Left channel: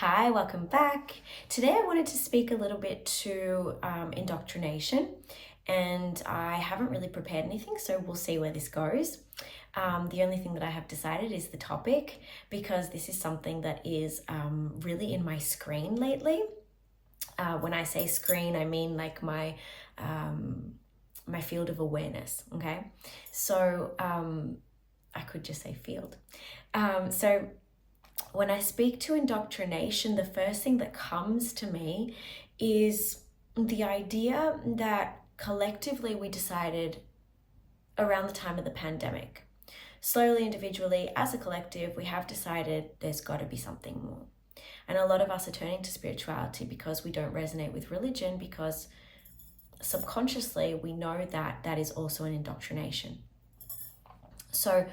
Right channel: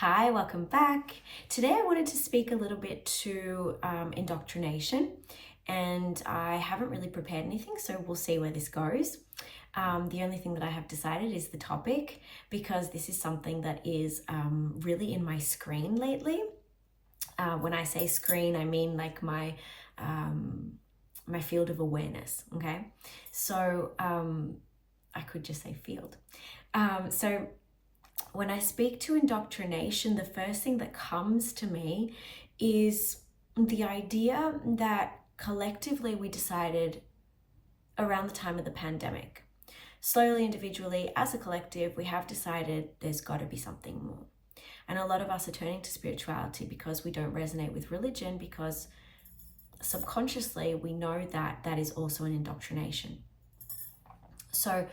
Hi, welcome back. Today I wanted to speak a little bit to indoctrination, and I haven't really prepared anything, so we'll see where this goes. The only thing that I have decided is the topic, because this is something that is really in my screen lately. When I say screen, I mean like my field of awareness, okay? So I could just say field. So when I speak to indoctrination, the first thing that comes to me is the idea that collectively we decided around the time of the pandemic, slowly, individually, as a collective, we have decided there's got to be something more. And a lot of us are turning to spirituality because we don't resonate with religion, because subconsciously we know that that is also an indoctrination. So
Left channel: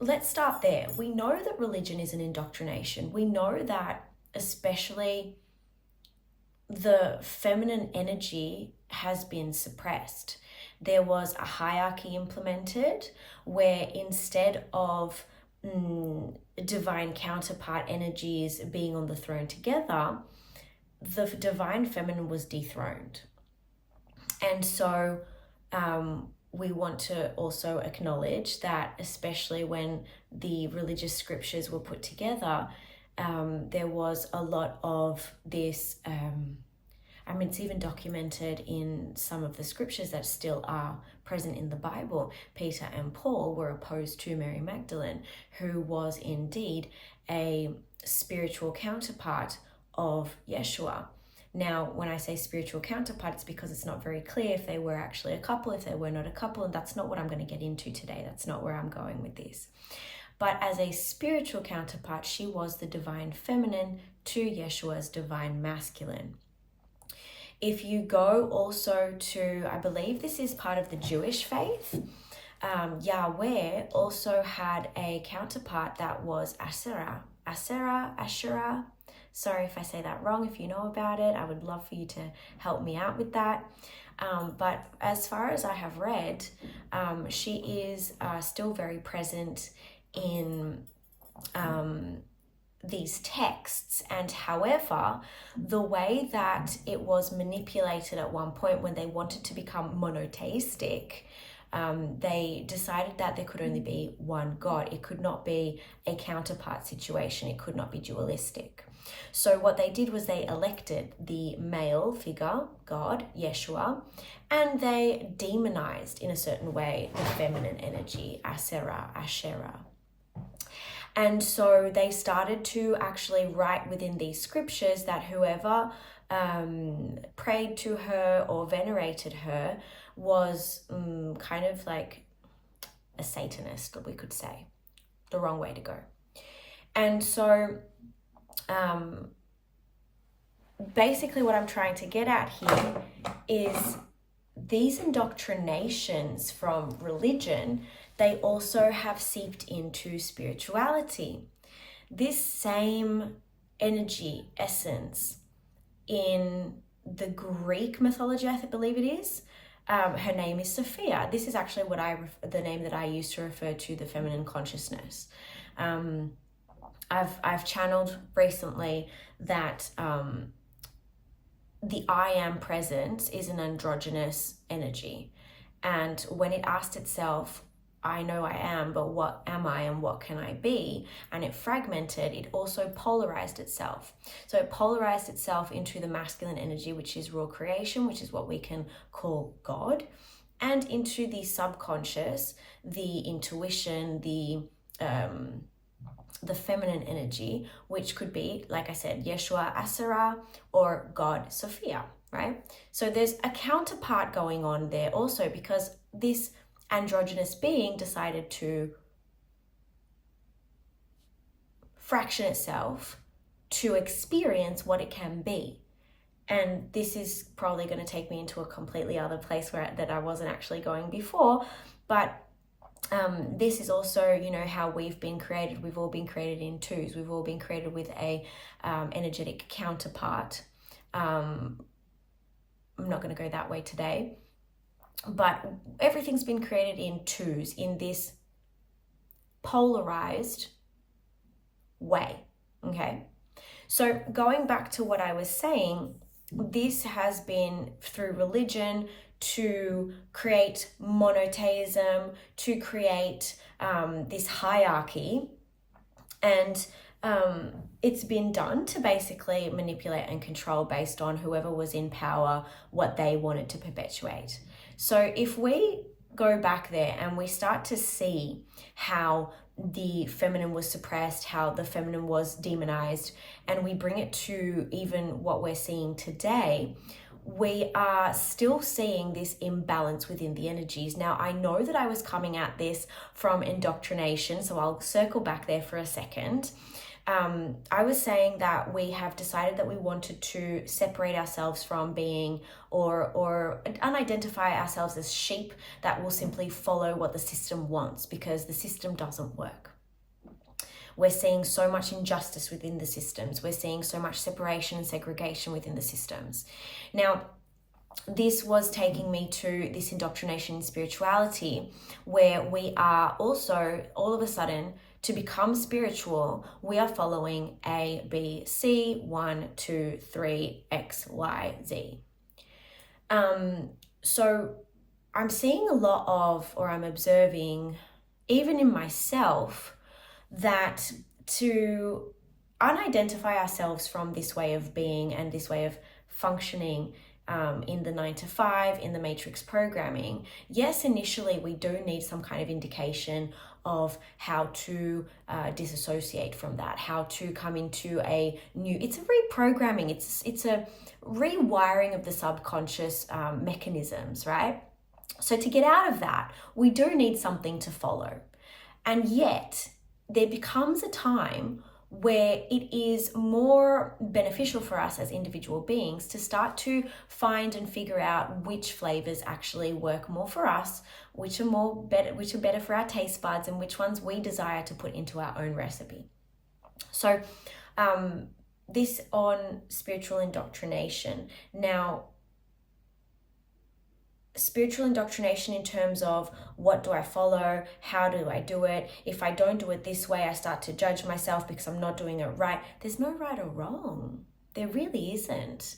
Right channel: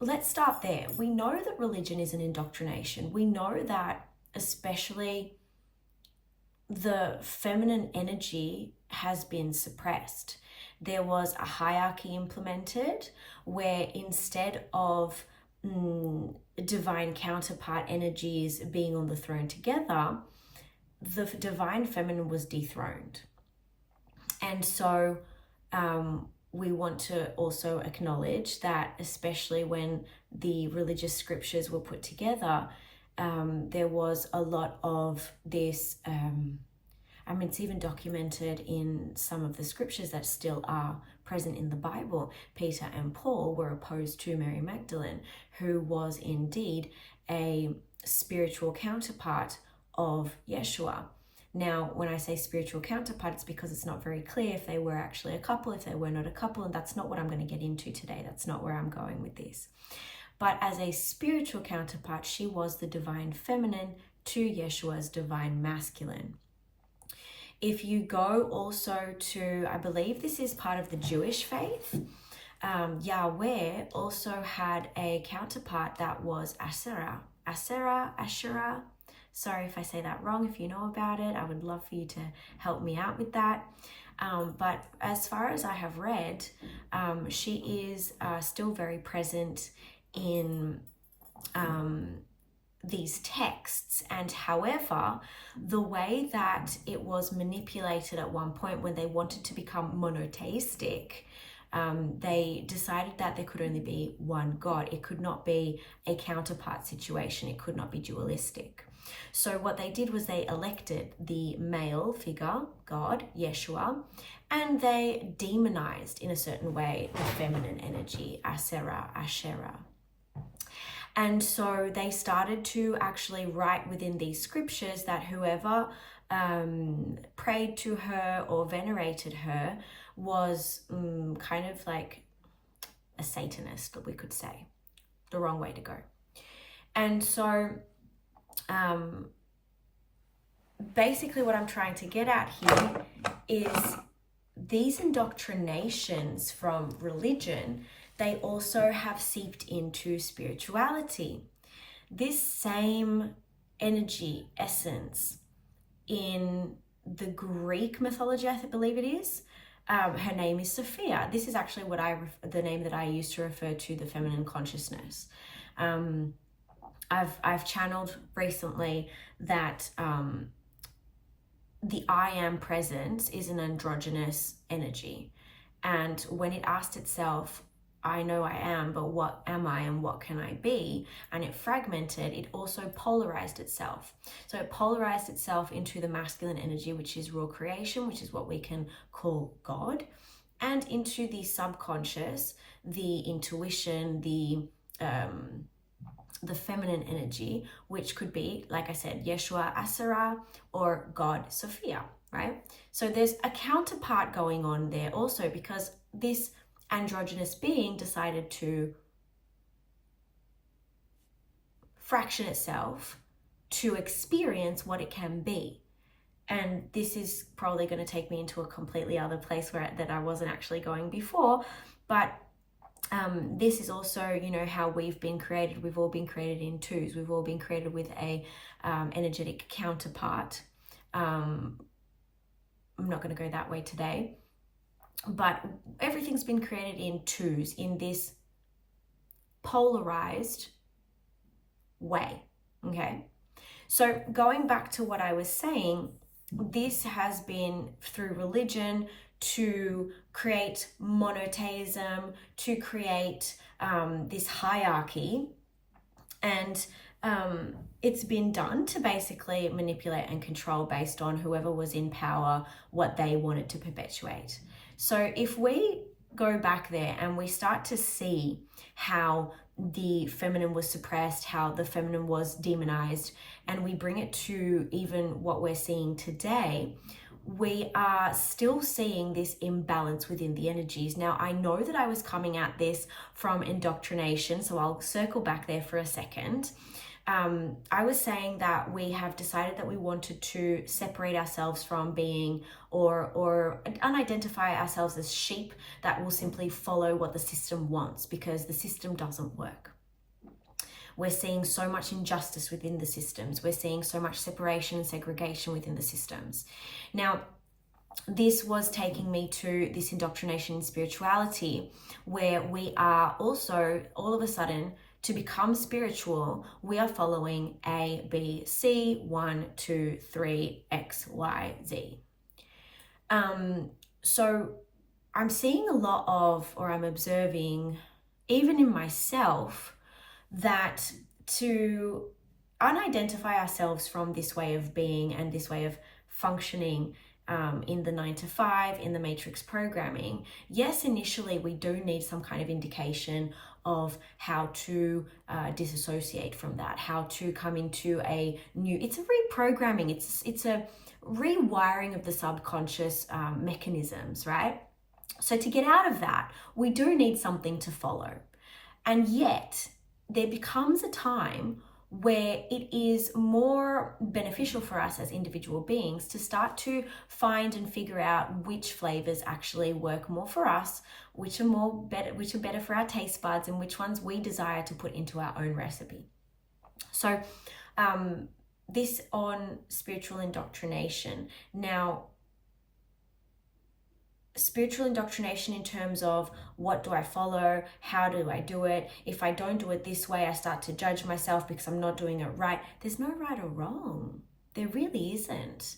let's start there. We know that religion is an indoctrination. We know that especially the feminine energy has been suppressed. There was a hierarchy implemented where instead of divine counterpart energies being on the throne together, the divine feminine was dethroned. And so we want to also acknowledge that, especially when the religious scriptures were put together, there was a lot of this, it's even documented in some of the scriptures that still are present in the Bible. Peter and Paul were opposed to Mary Magdalene, who was indeed a spiritual counterpart of Yeshua. Now, when I say spiritual counterpart, it's because it's not very clear if they were actually a couple, if they were not a couple, and that's not what I'm going to get into today. That's not where I'm going with this. But as a spiritual counterpart, she was the divine feminine to Yeshua's divine masculine. If you go also to, I believe this is part of the Jewish faith, Yahweh also had a counterpart that was Asherah. Sorry if I say that wrong. If you know about it, I would love for you to help me out with that. But as far as I have read, she is still very present in these texts. And however, the way that it was manipulated at one point when they wanted to become monotheistic, they decided that there could only be one God. It could not be a counterpart situation. It could not be dualistic. So what they did was they elected the male figure, God, Yeshua, and they demonized in a certain way the feminine energy, Asherah. And so they started to actually write within these scriptures that whoever prayed to her or venerated her was kind of like a Satanist, we could say, the wrong way to go. And so basically what I'm trying to get at here is these indoctrinations from religion, they also have seeped into spirituality. This same energy, essence, in the Greek mythology, I believe it is, her name is Sophia. This is actually what the name that I use to refer to the feminine consciousness. I've channeled recently that the I am presence is an androgynous energy. And when it asked itself, I know I am, but what am I and what can I be? And it fragmented, it also polarized itself. So it polarized itself into the masculine energy, which is raw creation, which is what we can call God, and into the subconscious, the intuition, the feminine energy, which could be, like I said, Yeshua Asherah or God Sophia, right? So there's a counterpart going on there also, because this androgynous being decided to fraction itself to experience what it can be. And this is probably going to take me into a completely other place that I wasn't actually going before, but this is also, how we've been created. We've all been created in twos. We've all been created with a energetic counterpart. I'm not going to go that way today, but everything's been created in twos, in this polarized way, okay? So going back to what I was saying, this has been through religion to create monotheism, to create this hierarchy, and it's been done to basically manipulate and control based on whoever was in power, what they wanted to perpetuate. So if we go back there and we start to see how the feminine was suppressed, how the feminine was demonized, and we bring it to even what we're seeing today, we are still seeing this imbalance within the energies. Now, I know that I was coming at this from indoctrination, so I'll circle back there for a second. I was saying that we have decided that we wanted to separate ourselves from being or unidentify ourselves as sheep that will simply follow what the system wants, because the system doesn't work. We're seeing so much injustice within the systems. We're seeing so much separation and segregation within the systems. Now, this was taking me to this indoctrination in spirituality, where we are also, all of a sudden, to become spiritual, we are following A, B, C, 1, 2, 3, X, Y, Z. So I'm seeing a lot of, or I'm observing, even in myself, that to unidentify ourselves from this way of being and this way of functioning in the 9 to 5, in the matrix programming, yes, initially we do need some kind of indication of how to disassociate from that, how to come into a new, it's a reprogramming, it's a rewiring of the subconscious mechanisms, right? So to get out of that, we do need something to follow. And yet there becomes a time where it is more beneficial for us as individual beings to start to find and figure out which flavors actually work more for us, which are better for our taste buds, and which ones we desire to put into our own recipe. So this on spiritual indoctrination. Now, spiritual indoctrination in terms of what do I follow, how do I do it, if I don't do it this way I start to judge myself because I'm not doing it right. There's no right or wrong. There really isn't.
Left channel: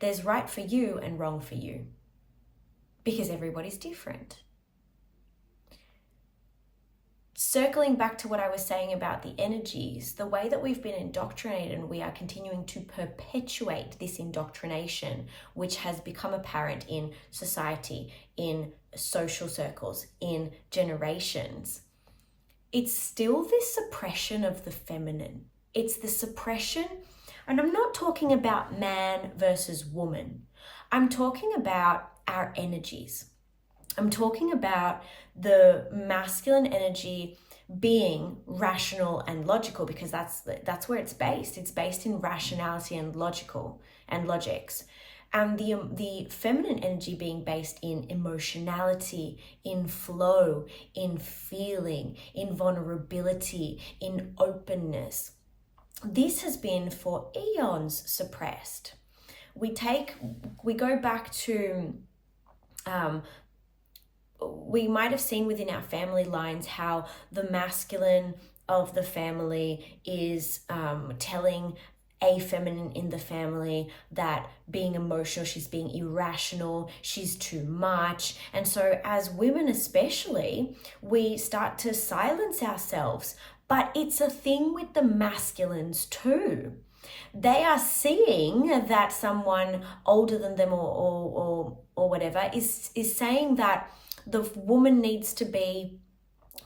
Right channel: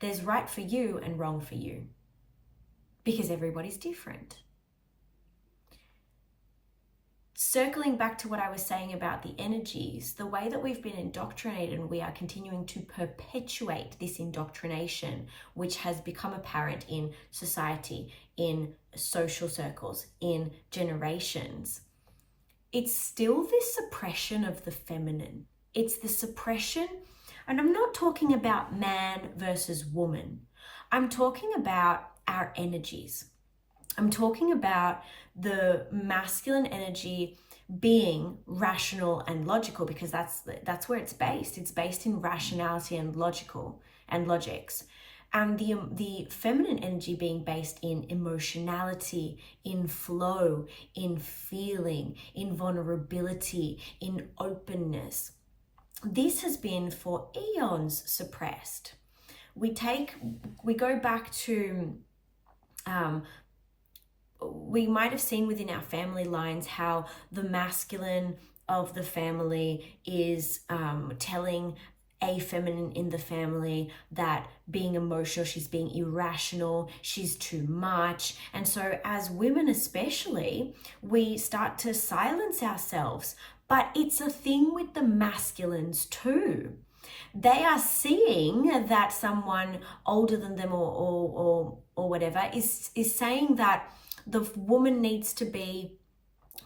There's right for you and wrong for you, because everybody's different. Circling back to what I was saying about the energies, the way that we've been indoctrinated, and we are continuing to perpetuate this indoctrination, which has become apparent in society, in social circles, in generations, it's still this suppression of the feminine. It's the suppression, and I'm not talking about man versus woman. I'm talking about our energies. I'm talking about the masculine energy being rational and logical, because that's where it's based. It's based in rationality and logics. And the feminine energy being based in emotionality, in flow, in feeling, in vulnerability, in openness. This has been for eons suppressed. We go back to we might have seen within our family lines how the masculine of the family is telling a feminine in the family that being emotional, she's being irrational, she's too much. And so as women especially, we start to silence ourselves. But it's a thing with the masculines too. They are seeing that someone older than them or whatever is saying that the woman needs to be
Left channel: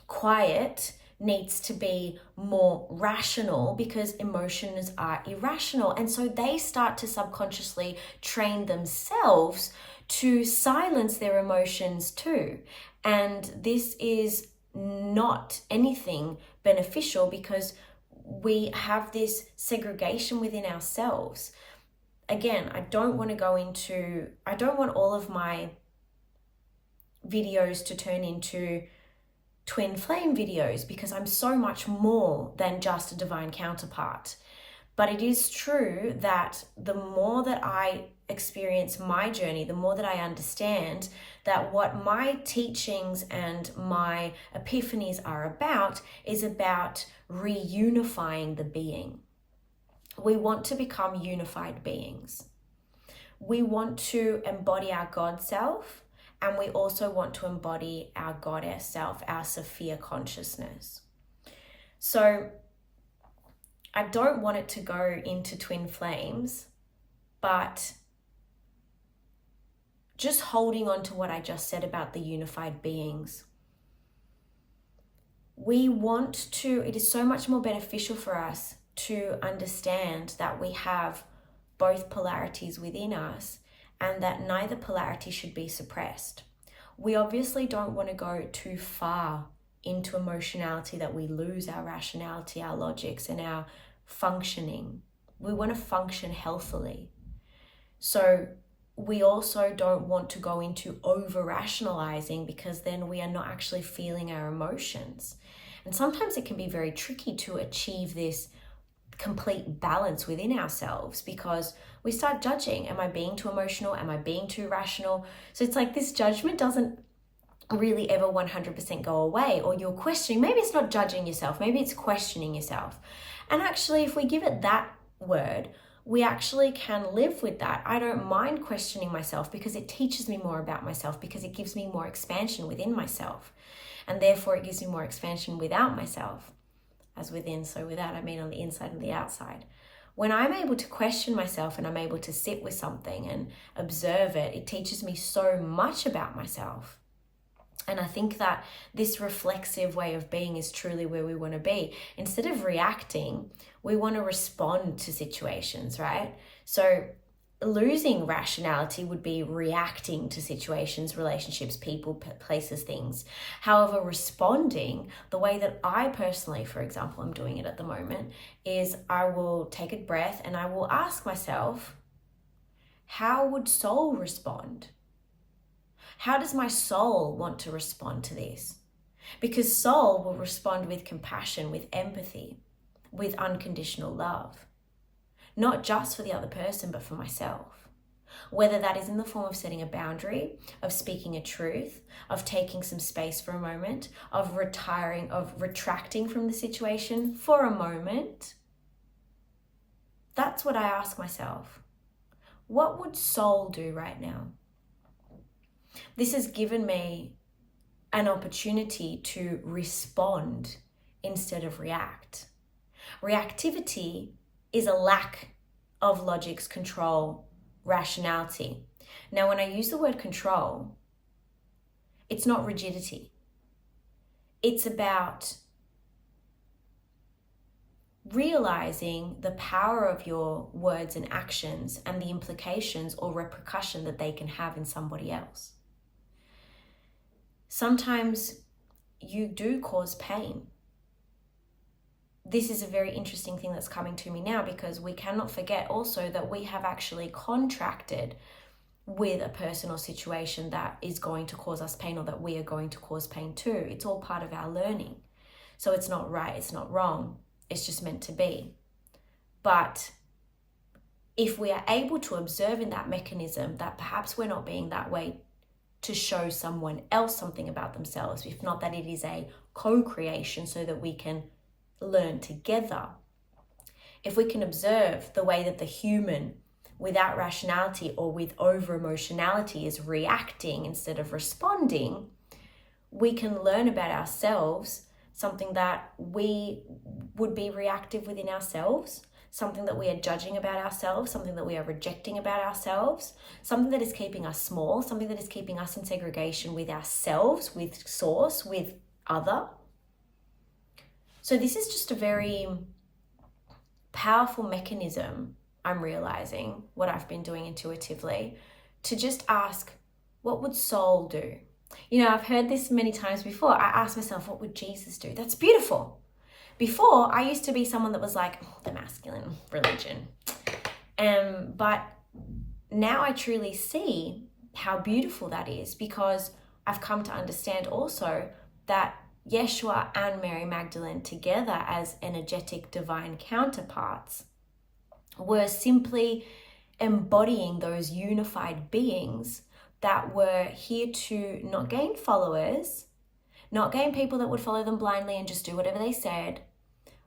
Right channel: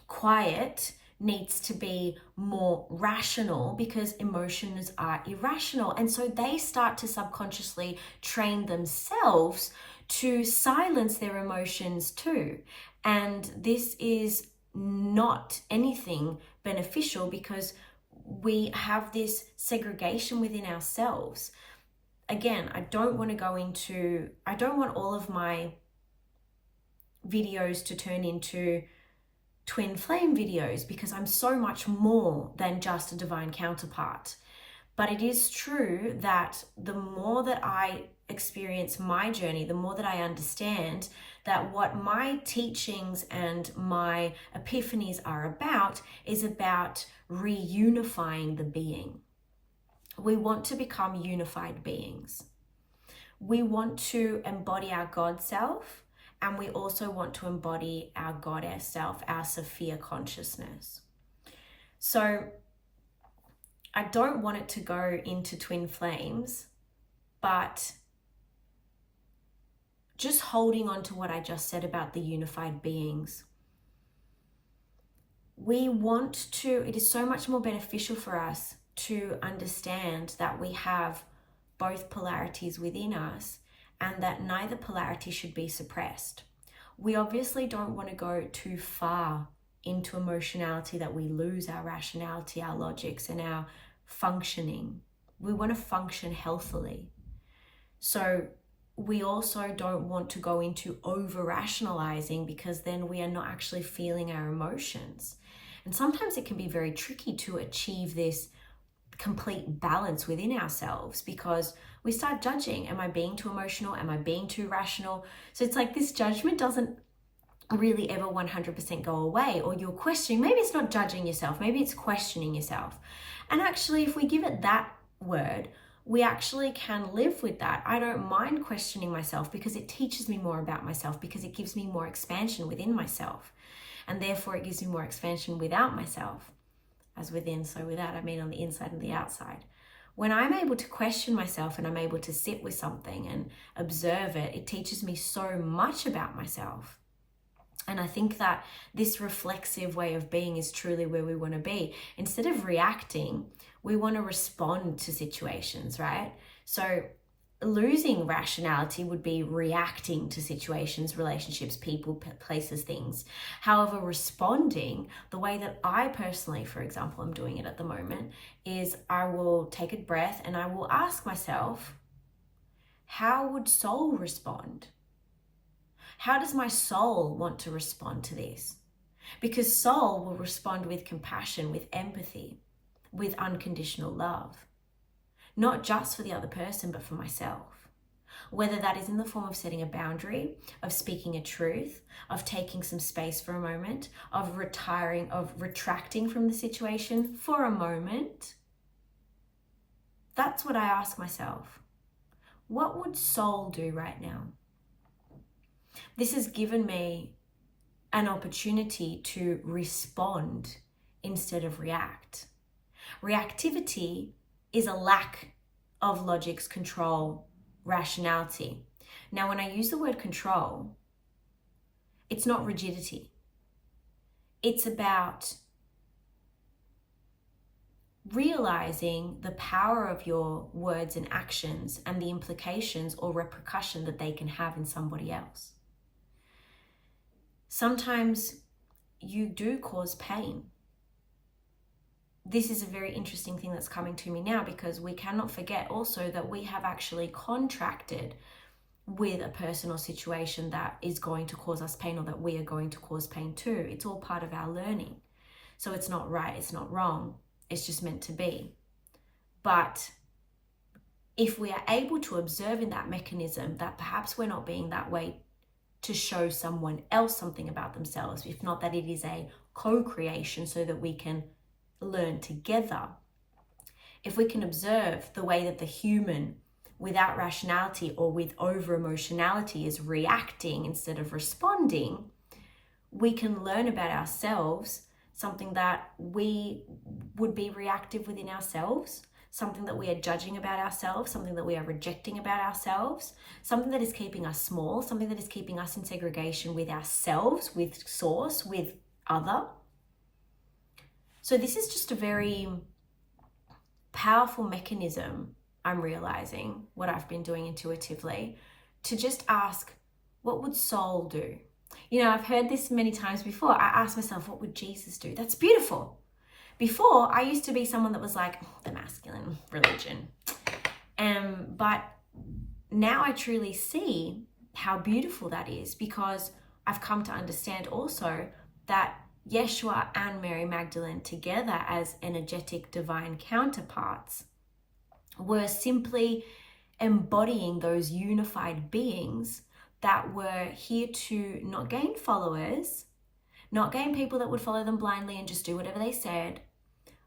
quiet, needs to be more rational, because emotions are irrational. And so they start to subconsciously train themselves to silence their emotions too. And this is not anything beneficial, because we have this segregation within ourselves. Again, I don't want all of my videos to turn into twin flame videos, because I'm so much more than just a divine counterpart. But it is true that the more that I experience my journey, the more that I understand that what my teachings and my epiphanies are about is about reunifying the being. we want to become unified beings. We want to embody our God self, and we also want to embody our goddess self, our Sophia consciousness. So I don't want it to go into twin flames, but just holding on to what I just said about the unified beings. It is so much more beneficial for us to understand that we have both polarities within us and that neither polarity should be suppressed. We obviously don't want to go too far into emotionality that we lose our rationality, our logics, and our functioning. We want to function healthily. So we also don't want to go into over-rationalizing, because then we are not actually feeling our emotions. And sometimes it can be very tricky to achieve this complete balance within ourselves, because we start judging. Am I being too emotional? Am I being too rational? So it's like this judgment doesn't really ever 100% go away, or you're questioning. Maybe it's not judging yourself, maybe it's questioning yourself. And actually, if we give it that word, we actually can live with that. I don't mind questioning myself, because it teaches me more about myself, because it gives me more expansion within myself. And therefore it gives me more expansion without myself. As within, so without, I mean on the inside and the outside. When I'm able to question myself and I'm able to sit with something and observe it, it teaches me so much about myself. And I think that this reflexive way of being is truly where we want to be. Instead of reacting, we want to respond to situations, right? So losing rationality would be reacting to situations, relationships, people, places, things. However, responding, the way that I personally, for example, am doing it at the moment, is I will take a breath and I will ask myself, how would soul respond? How does my soul want to respond to this? Because soul will respond with compassion, with empathy, with unconditional love. Not just for the other person, but for myself. Whether that is in the form of setting a boundary, of speaking a truth, of taking some space for a moment, of retiring, of retracting from the situation for a moment. That's what I ask myself. What would soul do right now? This has given me an opportunity to respond instead of react. Reactivity is a lack of logics, control, rationality. Now, when I use the word control, it's not rigidity. It's about realizing the power of your words and actions and the implications or repercussion that they can have in somebody else. Sometimes you do cause pain. This is a very interesting thing that's coming to me now, because we cannot forget also that we have actually contracted with a person or situation that is going to cause us pain, or that we are going to cause pain to. It's all part of our learning. So it's not right, it's not wrong, it's just meant to be. But if we are able to observe in that mechanism that perhaps we're not being that way to show someone else something about themselves, if not that it is a co-creation so that we can learn together. If we can observe the way that the human without rationality or with over emotionality is reacting instead of responding, we can learn about ourselves, something that we would be reactive within ourselves, something that we are judging about ourselves, something that we are rejecting about ourselves, something that is keeping us small, something that is keeping us in segregation with ourselves, with source, with other. So this is just a very powerful mechanism, I'm realizing, what I've been doing intuitively, to just ask, what would soul do? You know, I've heard this many times before. I ask myself, what would Jesus do? That's beautiful. Before, I used to be someone that was like, the masculine religion. But now I truly see how beautiful that is, because I've come to understand also that Yeshua and Mary Magdalene together as energetic divine counterparts were simply embodying those unified beings that were here to not gain followers, not gain people that would follow them blindly and just do whatever they said,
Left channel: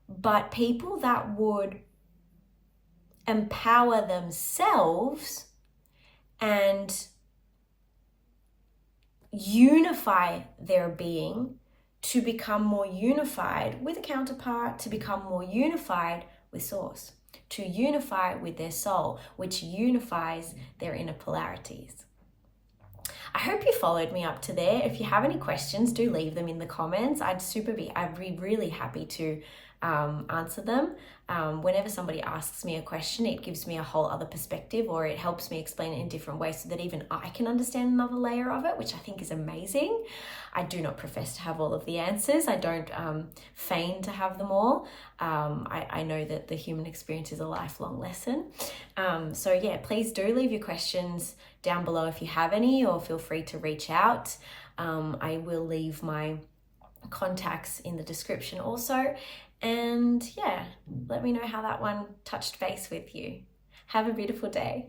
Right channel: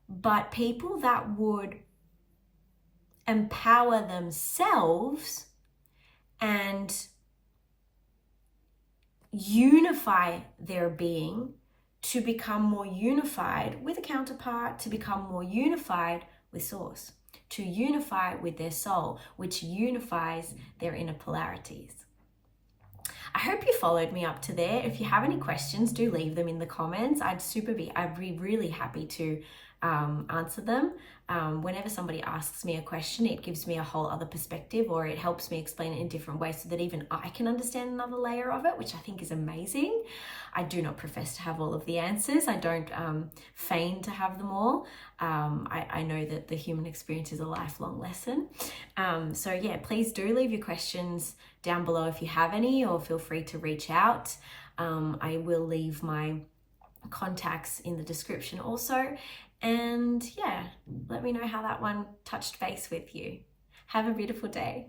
but people that would empower themselves and unify their being to become more unified with a counterpart, to become more unified with source, to unify with their soul, which unifies their inner polarities. I hope you followed me up to there. If you have any questions, do leave them in the comments. I'd be really happy to answer them. Whenever somebody asks me a question, it gives me a whole other perspective, or it helps me explain it in different ways so that even I can understand another layer of it, which I think is amazing. I do not profess to have all of the answers. I don't feign to have them all. I know that the human experience is a lifelong lesson. So yeah, please do leave your questions down below if you have any, or feel free to reach out. I will leave my contacts in the description also. And yeah, let me know how that one touched base with you. Have a beautiful day.